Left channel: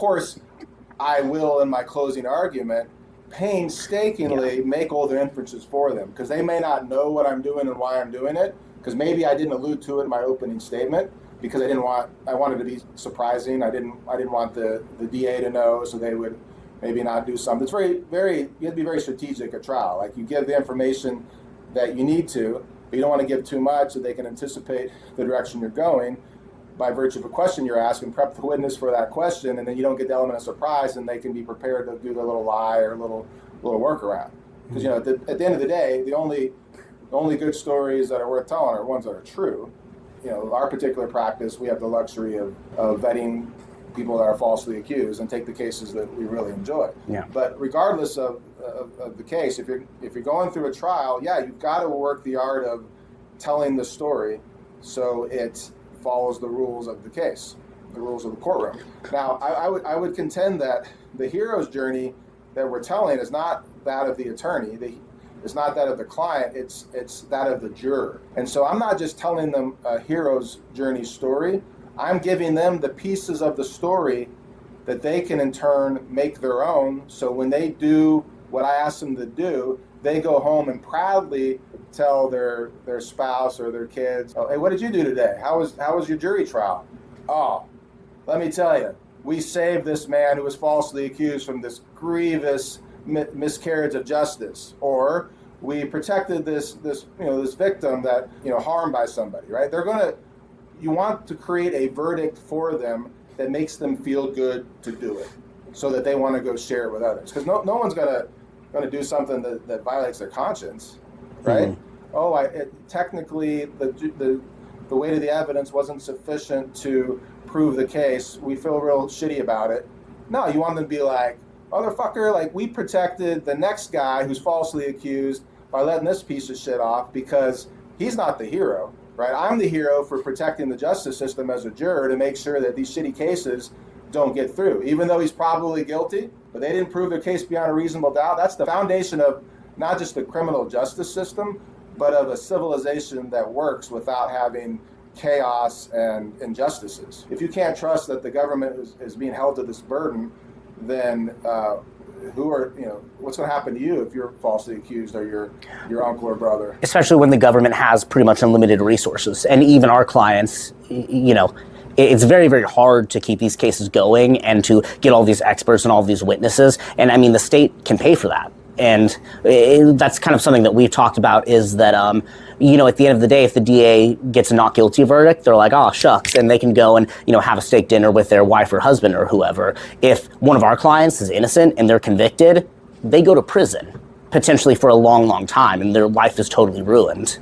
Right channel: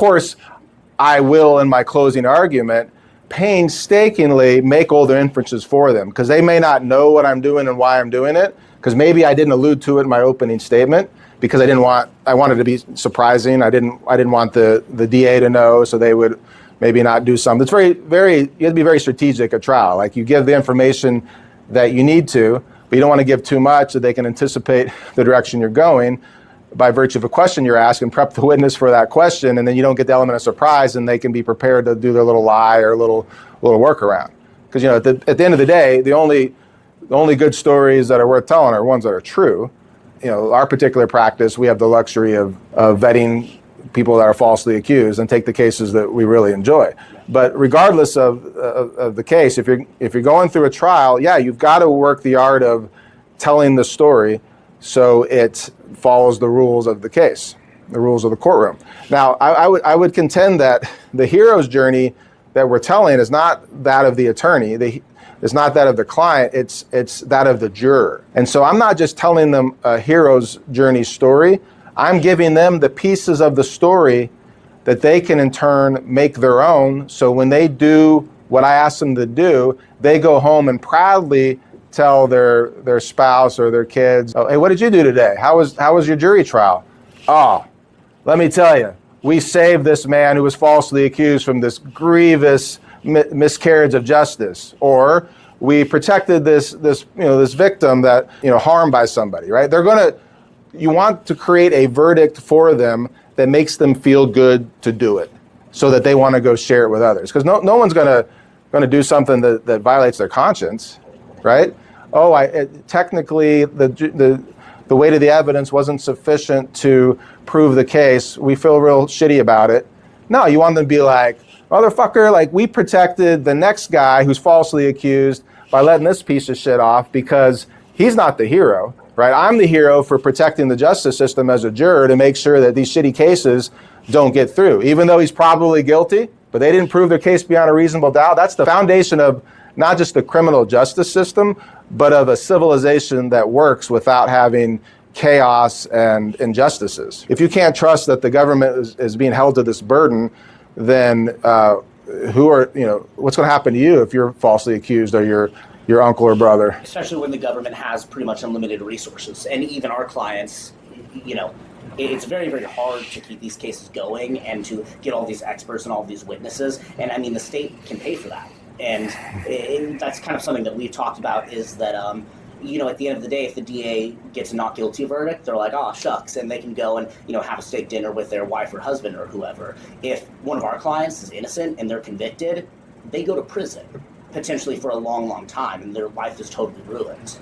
course, I will, in my closing argument, painstakingly make all the inferences for them, because they may not know what I'm doing and why I'm doing it, because maybe I didn't allude to it in my opening statement, because I wanted to be surprising. I didn't want the DA to know, so they would maybe not do something. It's you have to be very strategic at trial. Like, you give the information that you need to, but you don't want to give too much so they can anticipate the direction you're going by virtue of a question you're asked, and prep the witness for that question, and then you don't get the element of surprise, and they can be prepared to do their little lie or little workaround. Because at the end of the day, the only good stories that are worth telling are ones that are true. Our particular practice, we have the luxury of vetting people that are falsely accused and take the cases that we really enjoy. Yeah. But regardless of the case, if you're going through a trial, you've got to work the art of telling the story so it follows the rules of the case, the rules of the courtroom. Now, I would contend that the hero's journey that we're telling is not that of the attorney. It's not that of the client, it's that of the juror. And so I'm not just telling them a hero's journey story, I'm giving them the pieces of the story that they can in turn make their own, so when they do what I ask them to do, they go home and proudly tell their spouse or their kids, oh, hey, what did you do today? How was your jury trial? Oh, let me tell you, we saved this man who was falsely accused from this grievous miscarriage of justice, or we protected this victim that harmed by somebody, right? You want to create a verdict for them that makes them feel good to do it, so that they want to go share it with others. Because no one's going to do something that violates their conscience, right? Mm-hmm. Technically the weight of the evidence wasn't sufficient to prove the case. We feel real shitty about it. No, you want them to be like, motherfucker, like, we protected the next guy who's falsely accused by letting this piece of shit off because he's not the hero, right? I'm the hero for protecting the justice system as a juror to make sure that these shitty cases don't get through, even though he's probably guilty, but they didn't prove their case beyond a reasonable doubt. That's the foundation of not just the criminal justice system, but of a civilization that works without having chaos and injustices. If you can't trust that the government is being held to this burden, then what's going to happen to you if you're falsely accused or your uncle or brother? Especially when the government has pretty much unlimited resources, and even our clients, it's very, very hard to keep these cases going and to get all these experts and all these witnesses. And I mean, the state can pay for that. And that's kind of something that we've talked about, is that, at the end of the day, if the DA gets a not guilty verdict, they're like, oh, shucks, and they can go and, have a steak dinner with their wife or husband or whoever. If one of our clients is innocent and they're convicted, they go to prison, potentially for a long, long time, and their life is totally ruined.